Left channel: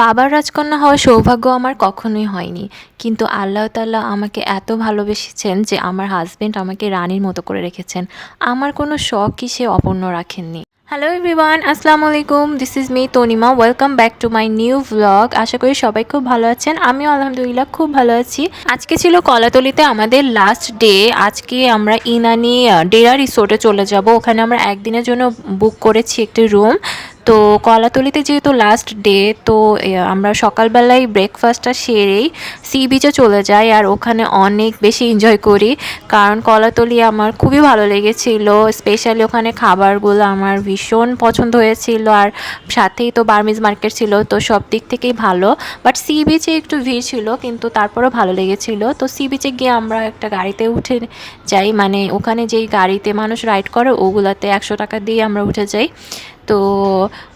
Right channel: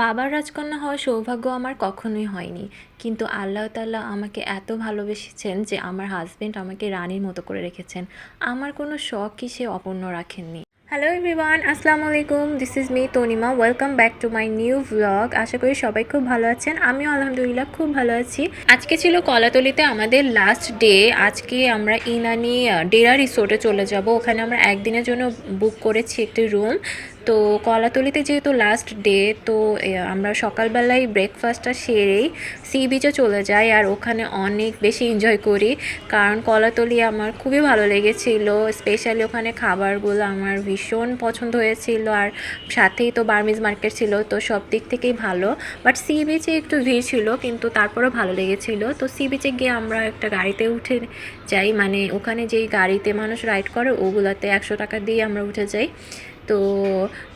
বাবার রাজকন্যা হওয়ার সৌভাগ্য আমার কখনোই হয়নি। কিন্তু আল্লাহ তাআলা আমাকে এত ভালোবেসেছেন যে আমার হাসব্যান্ড আমাকে রানীর মতো করে রেখেছেন। আমার কোনো শখই সে অপূর্ণ রাখেননি। হ্যালো এভরিওয়ান, আসসালামু আলাইকুম। This is me Tanima. Welcome back to my new vlog. আশা করি সবাই খুব ভালো আছেন। আমিও আলহামদুলিল্লাহ খুব ভালো আছি। আজকে ছিল কলাতলিতে আমাদের লাস্ট ডে। আজকে আমরা ইনানি ডেরা রিসোর্টে চলে যাব। ওখানে আমরা একদিনের জন্য বুক করেছি একটি রুম। তো কলাতলিতে যেহেতু লাস্ট ডে, তো আমরা সকালবেলায় ব্রেকফাস্টটা সেরেই সি বিচে চলে যাই আর ওখানে অনেক বেশি এনজয় করি। কারণ কলাতলি আমার খুবই ভালো লেগেছিল, স্পেশালি ওখানে খাবারগুলো আমার ভীষণ পছন্দ হয়েছিল। আর সাথেই তো বার্মিজ মার্কেট ছিল, তো সব দিক থেকেই ভালো। বাট সি বিচে একটু ভিড় ছিল, কিন্তু তারপরেও ভালো লেগেছিল। তো সি বিচে গিয়ে আমরা একটা গাড়িতে উঠে যাই, মানে ওখানে যেই গাড়িতে মানুষ রাইড করে ওগুলাতে 100 টাকা দিয়ে আমরা উঠে যাই। তো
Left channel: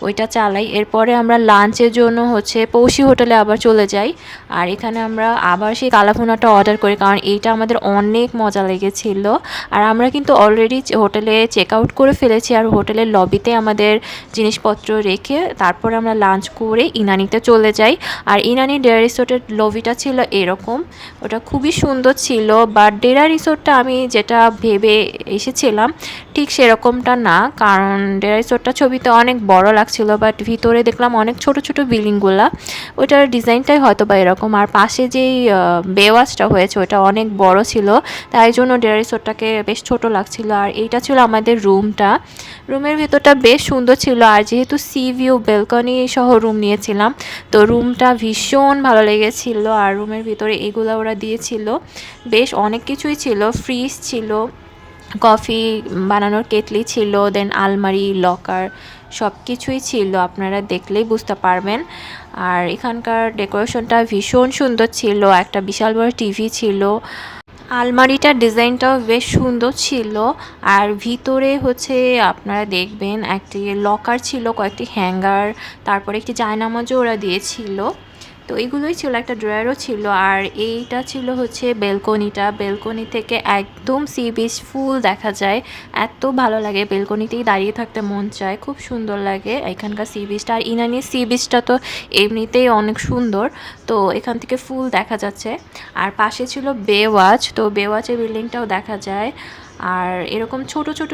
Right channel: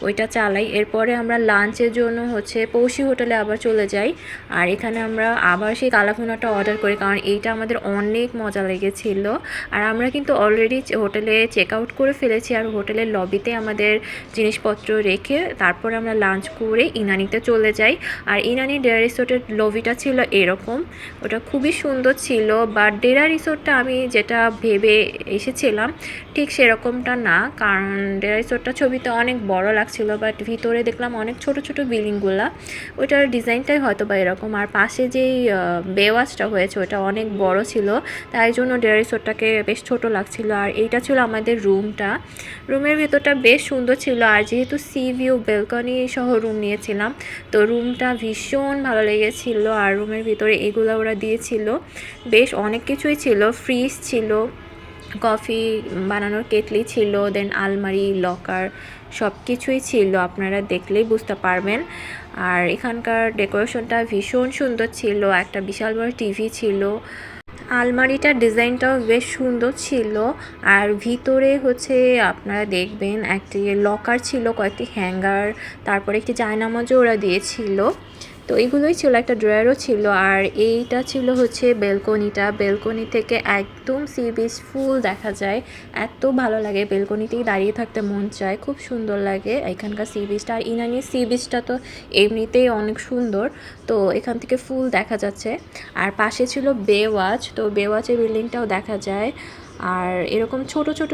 ওইটা চালাই। এরপরে আমরা লাঞ্চের জন্য পৌষি হোটেলে আবার চলে যাই। আর এখানে আমরা আবার সেই কালাভুনাটা অর্ডার করি, কারণ এইটা আমাদের অনেক মজা লেগেছিল। আর আমরা কিন্তু অলরেডি হোটেলে চেক আউট করে ফেলেছি, আর হোটেলের লবিতে আমাদের জিনিসপত্র রেখে তারপর আমরা লাঞ্চ করে ইনানিতে চলে যাই। আর ইনানি ডেরা রিসোর্টের লবিটা ছিল এরকম, ওটা খুবই সুন্দর ছিল। বাট ডেরা রিসোর্টটা আমি যেটা ভেবে এসেছিলাম ঠিক সেরকমটা না, কারণ ডেরা রিসোর্টটা ছবিতে অনেক বড় লাগছিল, বাট ভিতরে দেখলাম অনেক ছোট ছোট বিল্ডিংগুলা। ওইটার ডিজাইনটাই হয়তো বা এরকম। আর পাশে যেই বেওয়াজটা হয়েছে ওটা অনেক বড় ছিল, তাই জন্য ডেরা রিসোর্টটাকে বেশ ছোট লাগছিল। আর এইটা ছিল আমাদের রুমটা। রুমের ভেতরটা বেশ সুন্দর ছিল, আর যেহেতু সি ভিউ বেলকনি সহ রুম নিয়েছিলাম, তো রুমটা ভীষণ ভালো লেগেছিল। আর রুমের ভিতরে এগুলো ওরা দিয়েছিল, বেশ অনেক কিছুই ছিল। ফ্রিজ ছিল, কফি বানানোর কেটলি ছিল, দেন আলমারি, লকার, সব কিছুই ছিল, আপনারা দেখলেই বুঝতে পারবেন। আর এখানকার ডেকোরেশনটা ভীষণ সুন্দর ছিল, একটা বিশাল বড় টিভি ছিল। আলমারিটার ডিজাইনটাও বেশ সুন্দর ছিল। আর ভিতরে আপনারা দেখবেন একটি লকার ছিল, কয়েকটি হ্যাঙ্গার, তারপরে একটি জায়নামাজও ওরা দিয়েছিল। তো এইগুলোই ছিল, একটা ড্রয়ারও ছিল। আর এইটা ছিল বেলকনিটা। বেলকনি থেকে একদম সি বিচ ফুল দেখা যায়, এত ভালো লাগে। বেলকনিতেই দাঁড়িয়ে থাকতে মন চায়, খুব সুন্দর লাগে এখানকার সি বিচটা। আর ইনানির সি বিচটা তো এমনিতেই অনেক সুন্দর, তো এখান থেকে ফুল দেখা যাচ্ছে। আর পাশে ছিল বেওয়াচ, তো বেওয়াচের বিল্ডিংটাও দেখা যায়। আর এরকম ছোট ছোট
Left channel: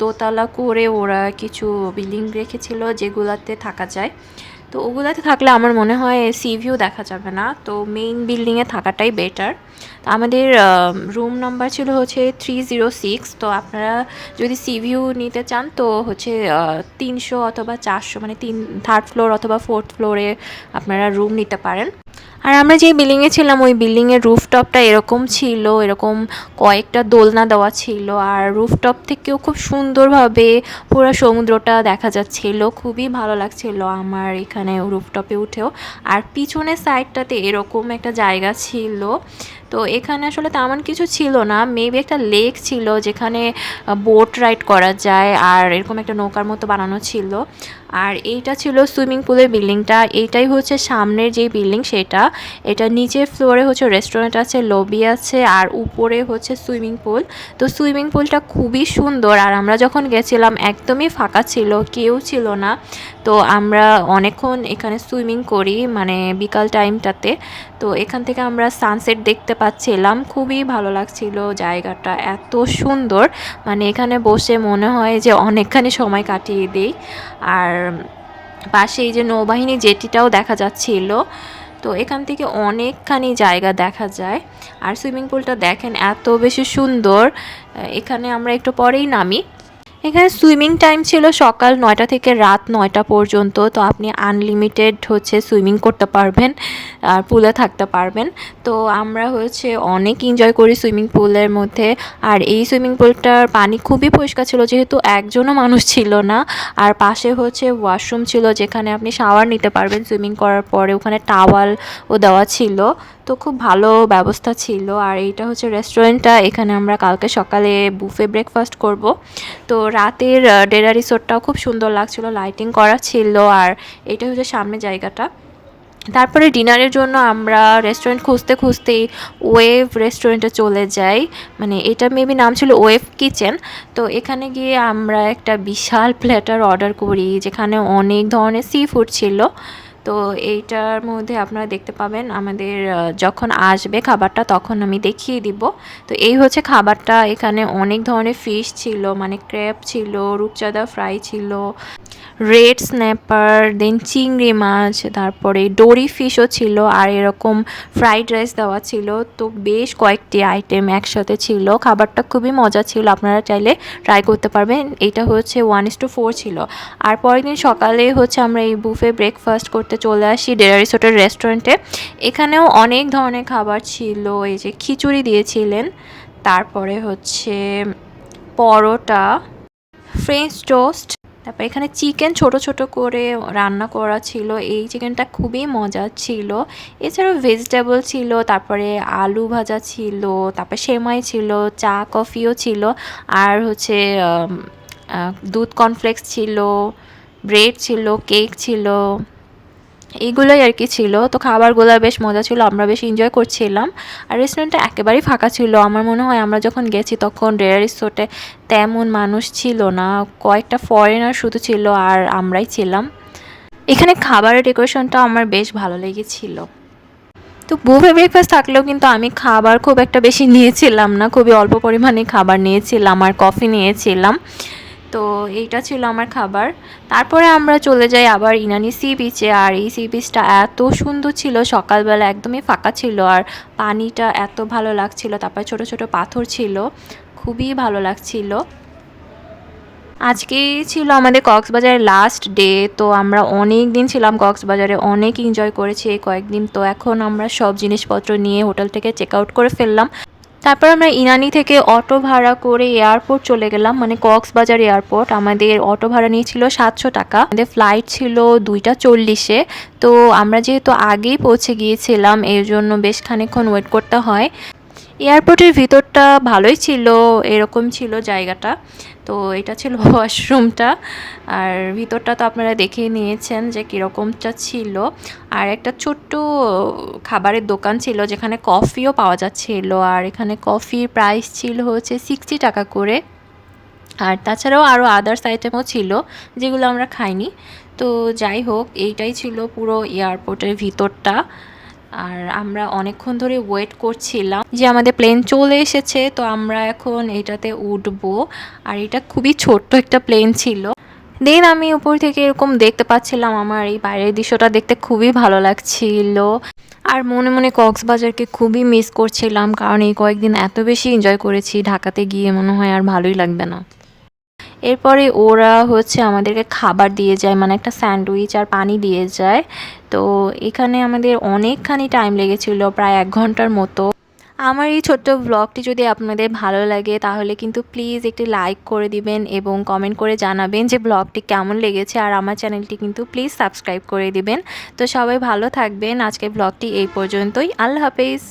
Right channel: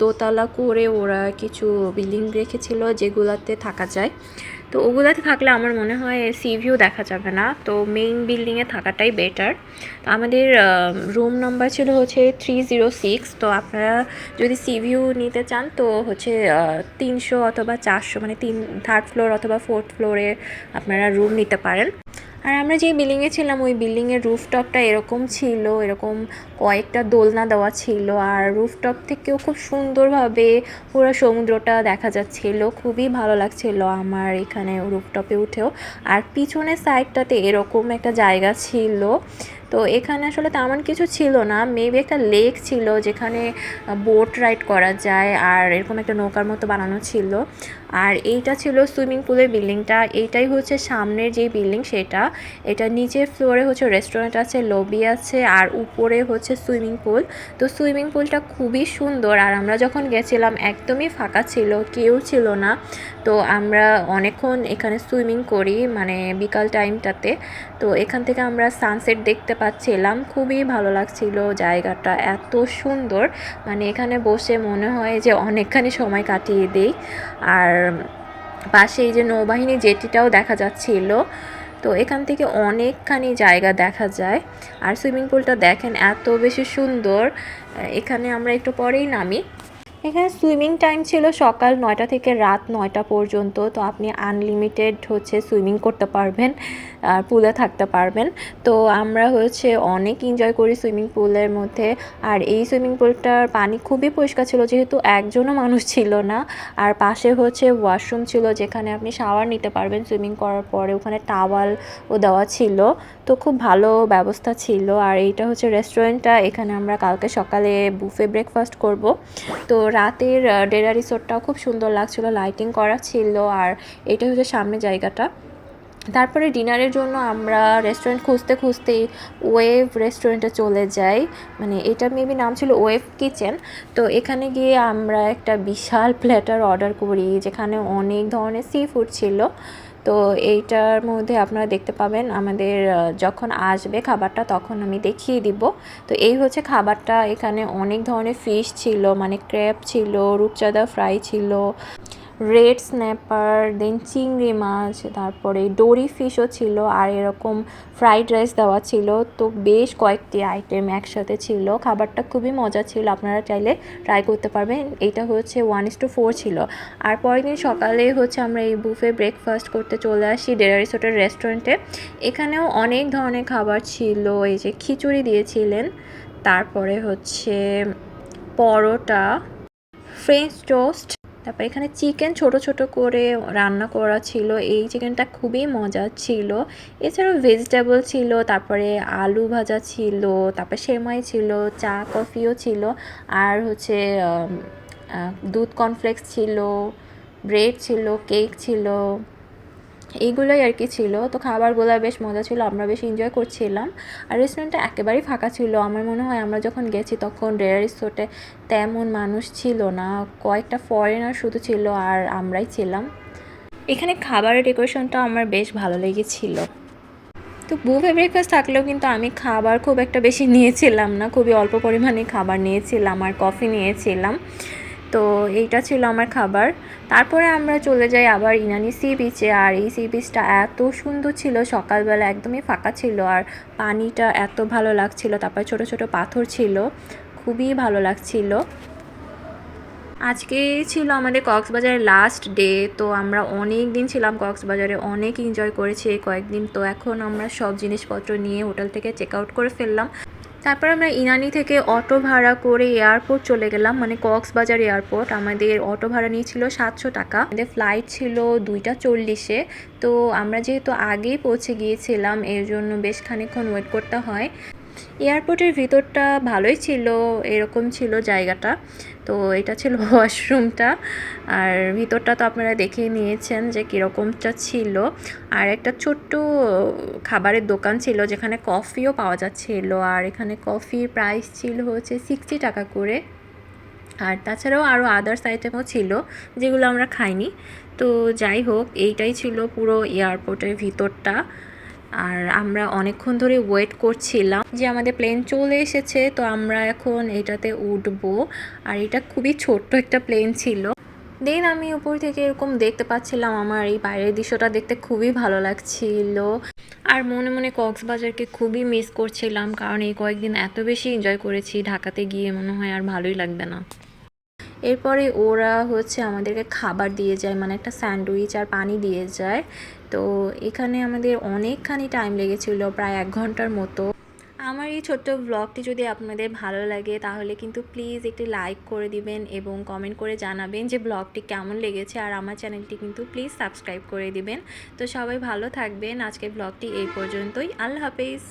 দোতলা করে ওরা কিছু বিল্ডিং রেখেছিল যেগুলাতে থাকা যায়। তো ওগুলাতে থাকলে আমার মনে হয় সি ভিউ দেখা যাবে না, তো মেইন বিল্ডিংয়ে থাকাটাই বেটার। তো আমাদের রুম নাম্বার ছিল 306। তো আপনারা যদি সি ভিউ নিতে চান তো 300 অথবা 400, মানে থার্ড ফ্লোর অথবা ফোর্থ ফ্লোরে আপনারা রুম নিতে পারেন। আর আমরা যে বিল্ডিংয়ে ছিলাম ওই বিল্ডিংয়ের রুফটপটা এরকম ছিল, এরকম কয়েকটা দোলনা দেওয়া ছিল। আর রুফটপ থেকেও খুব সুন্দরভাবে পুরো সমুদ্রটা দেখা যাচ্ছিল, খুবই ভালো লাগছিল আমার এখানে রুফটপে উঠেও। আর পিছনের সাইডটাতে এরকম একটা জায়গা ছিল, তো এখানে আসলে তেমন কিছু ছিল না, মেবি একটা লেক ছিল যেখানে বোট রাইড করা যায়, আর এরকম একটা নৌকার মতো বানানো ছিল। আর এইটা ছিল সুইমিং পুলের বিল্ডিংটা। এইটাই সামনের যে বিল্ডিং সেটা। এটা নিচের ফ্লোরে রেস্টুরেন্ট আছে, লবি আছে, আর উপরে সুইমিং পুল। তো সুইমিং পুলটা খুবই সুন্দর। আর আমরা যখন গেছিলাম একদমই ফাঁকা ছিল, কেউ ছিল না। তো আমরা অনেকক্ষণ এখানে সুইমিং করি, মানে বিকাল টাইমটাতে। তো এখান থেকে আমরা সানসেট দেখতে পাচ্ছিলাম, খুবই ভালো লাগছিল জায়গাটা, এত সুন্দর। মানে এখানে বসে মনে হয় যে অনেকখানি সময় কাটিয়ে দিই। আর পাশে এই যে নৌবাহিনী জেটিটাও দেখা যাচ্ছিল। তো এখান থেকে অনেকখানি জায়গা দেখা যায়। আর সুইমিং পুলটা দেখেন এত বেশি সুন্দর। এখানে আমরা একটু পরেই নামি। এখানে সুইমিং টাইম ছিল সকাল 9টা থেকে রাত 9টা পর্যন্ত। তো আপনি আনলিমিটেড সুইমিং করতে পারবেন, আর পুলে থাকতে পারবেন। তো আমরা অনেক এনজয় করি সুইমিং পুলের মধ্যে। আর এই সুইমিং পুলটার পানি খুবই পরিষ্কার ছিল, যেহেতু একজনও মানুষ ছিল না। আর পাশে ওয়াশরুম ছিল যেখানে আপনি শাওয়ার নিতে পারবেন সুইমিং করার পরে। ওখানে টাওয়ালও দেওয়া ছিল, তো খুব ভালো ব্যবস্থা ছিল। আর এইটা রেস্টুরেন্টটা, এখানে আমরা কালকে সকালে বুফে ব্রেকফাস্ট করব। তো রাতের ডেরা রিসোর্টটাও খুব সুন্দর লাগছিল, লাইটিং করা ছিল। আর এটা সামনে জায়গাটা। তারপরে ডিনারের জন্য আমরা রেস্টুরেন্ট খুঁজতে খুঁজতেই ওয়েভ রেস্টুরেন্টে চলে যাই, মানে এটা মেবি নাম ছিল ওয়েভ কিচেন। তো এখানে গিয়ে আমরা একটা বিশাল প্ল্যাটার অর্ডার করি, যেখানে অনেক ধরনের সি ফুড ছিল। তো তো এইটার মধ্যে আপনারা দেখতে পাবেন আমাদের যখন আসবে খাবারটা তখন আমি দেখিয়ে দিব। তো এই হচ্ছে খাবারটা। এখানে অনেক ধরনের ফিশ ছিল, মানে ক্র্যাব ছিল, রূপচাঁদা ফ্রাই ছিল, রেড স্ন্যাপার, দেন চিংড়ি মাছ, তারপরে ডোরি ফিশও ছিল, আর এরকম ফ্রাইড রাইস দেওয়া ছিল। তো বেশ কয়েকটি আইটেম একসাথে ছিল। খাবারটা খুবই মজা ছিল, আপনারা চাইলে ট্রাই করতে পারবেন। এটা হচ্ছে 1:4 ছিল। আর পরের দিন সকালে হচ্ছে আমরা এই বুফে ব্রেকফাস্ট করতে চলে আসি ডেরারিস হোটেল রেস্টুরেন্টে। এখানেও অনেক ধরনের খাবার ছিল। এই যে খিচুড়ি দিয়েছিলেন, তারপরে হচ্ছে পরোটা, ফ্রেঞ্চ টোস্ট, তারপর এখানে চিকেন ছোট ছোট করে রান্না করা ছিল। এই চিকেনটা খুবই মজা ছিল। এছাড়াও ভেজিটেবল ছিল, তারপরে আলু ভাজা ছিল, তারপর সেমাই ছিল, চা কফিও ছিল, আর হচ্ছে দুধ কর্নফ্লেক্স ছিল, ব্রেড ছিল, কেক ছিল, এইগুলোই আর কি ছিল। তো খাবারগুলো বেশ মজা ছিল, আমরা বেশ এনজয় করছিলাম। আর রেস্টুরেন্টটা একেবারেই ফাঁকা ছিল। আমার মনে হয় আমরা যখন গেছি তখন রেয়ার রিসোর্টে তেমন মানুষ ছিল না, কয়েকটা ফরেনার শুধু ছিল আর আমরাই ছিলাম। এখানে খাবারের ডেকোরেশনটা আমার বেশ ভালো লেগেছিল। তো বুফে ব্রেকফাস্ট থাকলেও কিন্তু আমি খাবার খুব একটা বেশি নিয়েছিলাম না, খুবই অল্প পরিমাণে খাবার নিয়েছিলাম আর কফি নিয়েছিলাম। তো এইটা ছিল আমার খাবার। তারপরে আমরা চলে যাই আবার ইনানি সি বিচে। আর এই সি বিচটা এত সুন্দর ছিল, সকালবেলা একদমই ফাঁকা ছিল আর পানিটা এত ভালো লাগছিল। তারপরে ছোট ছোট পাথর ছিল, খুবই ভালো লাগছিল। আজকেই ছিল আমাদের কক্সবাজারের লাস্ট ডে। তো আমরা অনেক দিন ছিলাম কক্সবাজারে, অনেক এনজয় করেছি এই কয়েকদিন। তো এখন আমরা সব জিনিসপত্র নিয়ে হোটেল থেকে চেক আউট করে ফেললাম। তারপর আমরা ইনানি থেকে অটো ভাড়া করে এয়ারপোর্ট চলে গেলাম, মানে কক্সবাজার এয়ারপোর্ট। আমাদের অটো ভাড়া নিয়েছিল 700 টাকা। আমাদের ফ্লাইট ছিল 2:40-এ। তো আমরা যেহেতু আগেই পৌঁছে গিয়েছিলাম এর জন্য বেশ খানিকক্ষণ ওয়েট করতে হয়। এয়ারপোর্টের ভিতরটা ভালোই ছিল, এরকম ছিল জায়গাটা। তো এটা ছিল ওয়াশরুমটা, আর ভিতরটা তো আপনারা দেখেই নিয়েছেন যে কীরকমটা ছিল। আর একটা ছোট্ট খাবারের দোকান ছিল যেখানে কফিও পাওয়া যাচ্ছিল। আর এখানে কফির প্রাইস ছিল হচ্ছে 60 টাকা করে। আর তাছাড়াও আরও আদার্স আইটেমও ছিল যেগুলো আমরা খাইনি। তো যাই হোক, এইটাই ছিল পুরো এয়ারপোর্টের ভিতরটা। আর আমরা অনেকক্ষণ ধরে ওয়েট করছিলাম যে আমাদের প্লেন চলে এসেছে, তো আমরা এখন এটাতে উঠবো। আর এটা খুবই ছোট্ট একটা প্লেন ছিল। দেন আমি উপর থেকে এরকম দেখতে পাচ্ছিলাম, আমার এই বাইরের দৃশ্যটা দেখতে খুবই ভালো লাগছিল। আর মনে মনে কক্সবাজারকে খুবই মিস করছিলাম, কারণ এই কয়েকদিন এত বেশি এনজয় করেছি, ঢাকাতে গিয়ে মনে হয় আর ভালোই লাগবে না। এরপরে ওরা হচ্ছে আমাদেরকে খাবার দিয়ে যায়, মানে একটা স্যান্ডউইচ আর পানি দিয়ে যায়। তো এখানে আমাদের অনেকখানি টাইম লেগেছিল, প্রায় 1 ঘন্টার মতো। আমার এই ছোট্ট ব্লগটি যদি আপনাদের ভালো লাগে তাহলে কিন্তু প্লিজ একটি লাইক করে দিবেন এবং কমেন্ট করে জানাবেন যে ব্লগটি কেমন লেগেছে। আর আমার চ্যানেলটি কিন্তু প্লিজ সাবস্ক্রাইব করে দিবেন। তো সবাই ভালো থাকবেন। আজকের ব্লগটি এই পর্যন্তই। আল্লাহ হাফেজ।